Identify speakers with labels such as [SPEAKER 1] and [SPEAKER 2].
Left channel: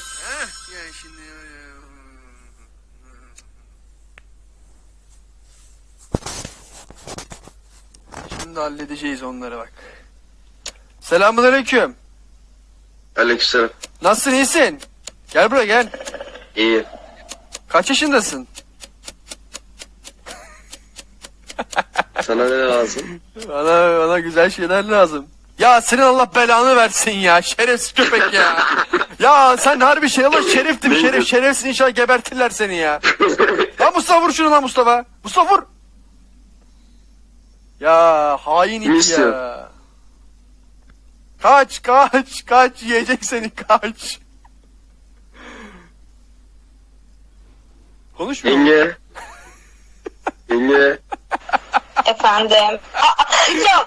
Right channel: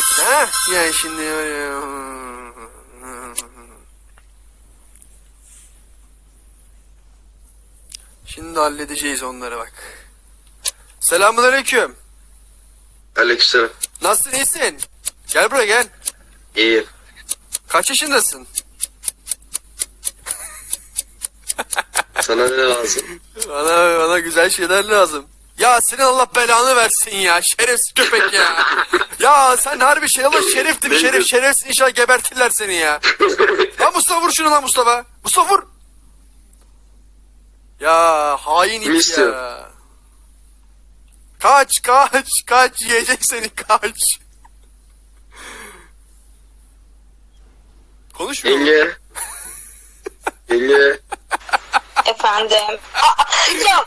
[SPEAKER 1] Ha? Yani şimdi Şimdi halledeceğiz onları bak. Selamünaleyküm.
[SPEAKER 2] Aleykümselam.
[SPEAKER 1] Nasılsın iyisin? Gel buraya gel.
[SPEAKER 2] İyi.
[SPEAKER 1] Kaç yaşındasın?
[SPEAKER 2] Sana ne lazım?
[SPEAKER 1] Bana, bana güzel şeyler lazım. Ya senin Allah belanı versin ya. Şerefsiz köpek ya. ya sen harbi şey Allah şeriftim şerif. Şerefsin inşallah gebertirler seni ya. Lan Mustafa vur şunu lan Mustafa. Mustafa vur. Ya hain it ya. Kaç kaç kaç yiyecek seni kaç. Konuşmuyor mu?
[SPEAKER 2] Yenge. Yenge.
[SPEAKER 3] Efendim. Aa, ya